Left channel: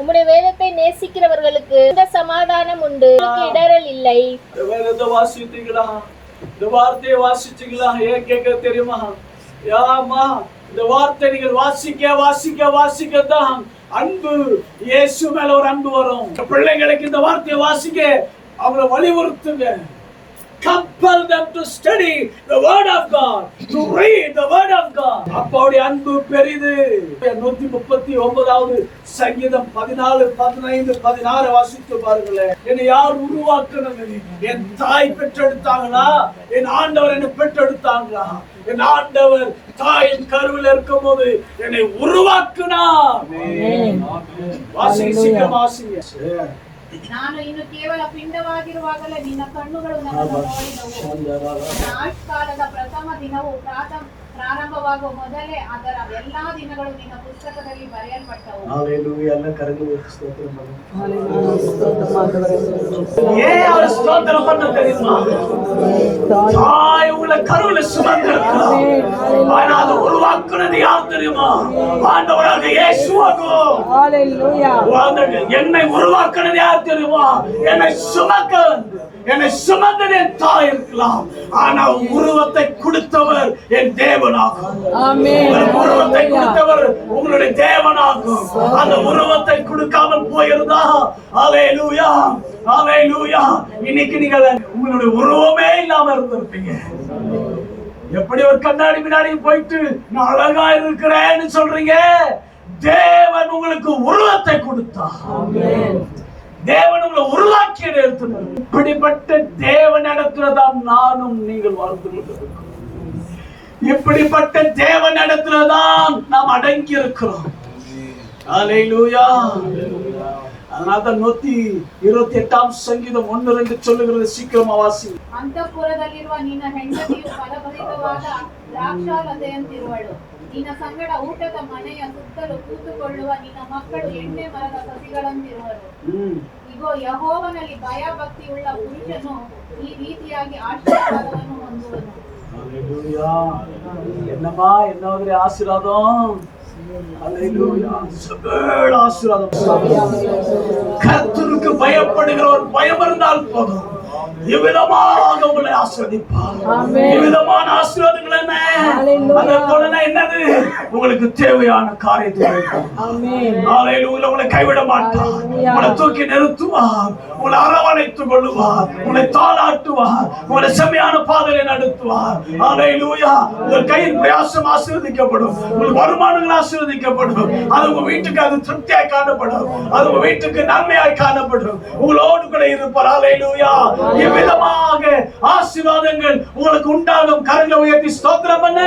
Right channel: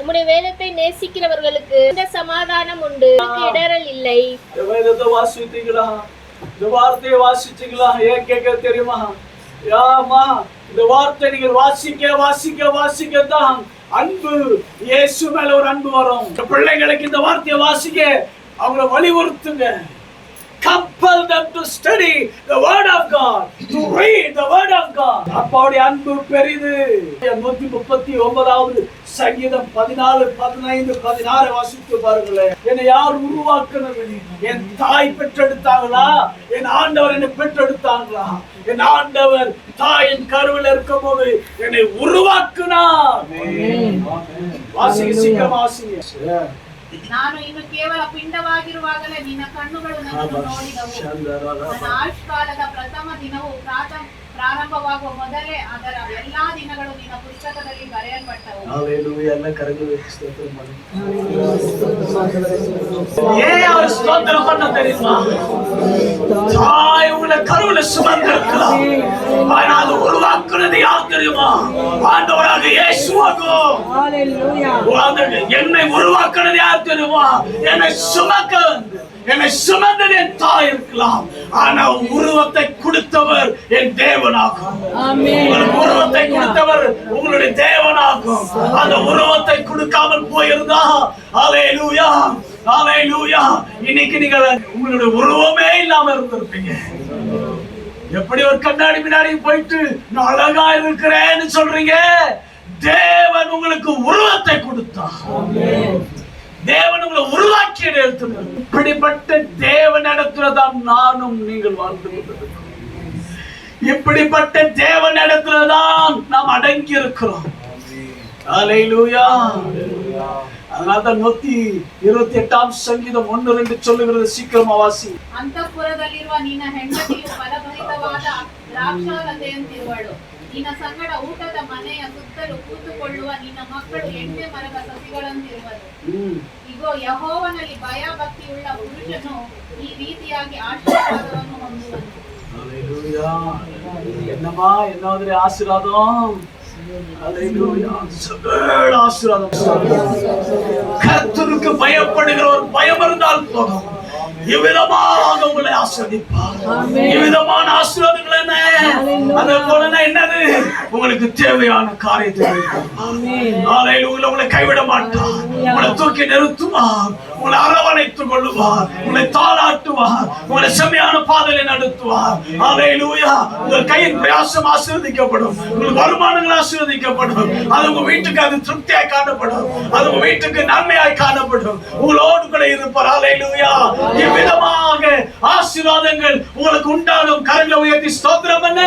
உம்முடைய வேதத்தை நேசிக்கிறவர்களுக்கு இந்த சமாதானம் உண்டு, இடரல் இல்லை. வேதத்தை வாசித்தீங்களா? இந்த வார்த்தையை வாசிச்சீங்களா? ஏன் கேட்க தெரியுமா? யாமா இந்த வார்த்தை நீங்கள் வாசிக்க வாசிக்க வாசிக்கத்தான் அன்பு, இயேசு மேல ஒரு அன்பு வரும். பிள்ளைங்களுக்கு இந்த வார்த்தையை வாசிக்க அவங்களை வலியுறுத்துங்க. Compel them to study the word of God, to read the word of God. அப்பாவுடைய அன்பு பெரிது. 139வது சங்கீதம் 14, 15, 16 வாசித்து பாருங்களேன். என்னை யார் உருவாக்குனது? என் தாய் பெற்றெடுத்தாங்களா? என் ஆண்டவர் என்னை பெற்றெடுத்தாங்களா? என் ஆண்டவர் தாயின் கருவில் இருக்கும் போது என்னை உருவாக்குனார். வாசிங்க, சீக்கிரம் வாசிங்க. ನಾನು ಇನ್ನು ಕೇವಲ ಪಿಂಡವಾಗಿರುವಾಗಲೇ ನಿನ್ನ ಕಣ್ಣುಗಳು ನನ್ನನ್ನು ನೋಡಿದವು. ಆಯುಷ್ಕಾಲದ ಪ್ರಥಮ ದಿನವು ಪ್ರಾರಂಭವಾಗುವ ಮೊದಲೇ ಅದರ ಎಲ್ಲಾ ದಿನಗಳು ನಿನ್ನ ಪುಸ್ತಕದಲ್ಲಿ ಬರೆಯಲ್ಪಟ್ಟವು. ஹalleluya. ಎಲ್ಲ ಕರಗಳು ಸ್ತೋತ್ರ ಮಾಡಿ. அவர் ஸ்தோத்திரம் பண்ண தெரியுமா? தாய் உள்ள கருவுல சுமந்திருக்கிறார். ஆனா அது உருவாக்குனது யார் தெரியுமா? ஆண்டவராக இயேசுவாகும். ஹalleluya. என்னை உருவாக்குனது யார் தெரியுமா? என்னை சுமந்தது என் தாய் இருக்கலாம், ஆனா உருவத்தை கொடுத்தவர் என் தேவனாகும். உருவத்தை கொடுத்தவர் உங்களுடைய தேவனாகும். அந்த உருவத்தை கொடுக்காமல் போயிருந்தா ஹalleluya, ஹalleluya, இன்னைக்கு நீங்க உங்களுடைய உருவமே இல்லாம இருந்திருப்பீங்க. எப்படி ஒரு கண்ணாடி முன்னாடி போயிட்டு நான் அழகா இருக்கிறேன்னு சொல்றீங்க? தேவன் உங்களுக்கு உருவத்தை கொடுத்தார். தேவன் உங்களை உருவாக்கிய நேரத்தில் இப்படிப்பட்ட தேவன் இடத்துலதான் நானும் நீங்கள் வாழ்ந்து கொண்டிருக்கிறோம். இப்படிப்பட்ட தேவன் இடத்துலதான் நாம் அடங்கி இருக்கிறோம். ஹalleluya. அதனால்தான் 128ஆம் சங்கீதம் 1-2 சொல்லுகிறது. சீக்கிரமா வாசி. ಅಂತಃಪುರದಲ್ಲಿರುವ ನಿನ್ನ ಹೆಂಡತಿಯು ಫಲಭರಿತವಾದ ದ್ರಾಕ್ಷಾಲತೆಯಂತಿರುವಳು. ನಿನ್ನ ಸಂಗಡ ಊಟದ ಮನೆಯ ಸುತ್ತಲೂ ಕೂತುಕೊಳ್ಳುವ ನಿನ್ನ ಮಕ್ಕಳು ಎಣ್ಣೆ ಮರದ ಸಸಿಗಳಂತಿರುವರು. ಇಗೋ, ಯೆಹೋವನಲ್ಲಿ ಭಯ ಭಕ್ತಿಯುಳ್ಳ ಪುರುಷನು ಈ ರೀತಿಯಾಗಿ ಆಶೀರ್ವಾದವನ್ನು ಹೊಂದುವನು. ஹalleluya. என்னமா என்னோட ஆசீர்வாதம்? ஹalleluya. சகல ஆசீர்வாதம். கர்த்தருக்கு பயப்படுகிற ஒரு பயம் இருந்தால் போதும், இவ்விதமாக உங்களை ஆசீர்வதிப்பார். இவ்விதமான ஆசீர்வாதங்கள் என்ன? அதே போல என்னது? உங்களுக்கு தேவையான காரியத்தை உங்களை கைவிட மாட்டார். உங்களை தூக்கி நிறுத்துவார், உங்களை அரவணைத்துக் கொள்ளுவார், உங்களை தாளாட்டுவார், உங்களை செம்மையான பாதையை நடத்துவார். ஹalleluya. உங்கள் கையின் பிரயாசம் ஆசீர்வதிக்கப்படும், உங்கள் வருமானங்கள் ஆசீர்வதிக்கப்படும். அது உங்க வீட்டுக்கு அது திருப்தியாய் காணப்படும், அது உங்க வீட்டுக்கு நன்மையாய் காணப்படும். உங்களோடு கூட இருப்பார். ஹalleluya. இவ்விதமாக ஆசீர்வாதங்கள் உங்களுக்கு உண்டாகும். கரங்களை உயர்த்தி ஸ்தோத்திரம் பண்ணு.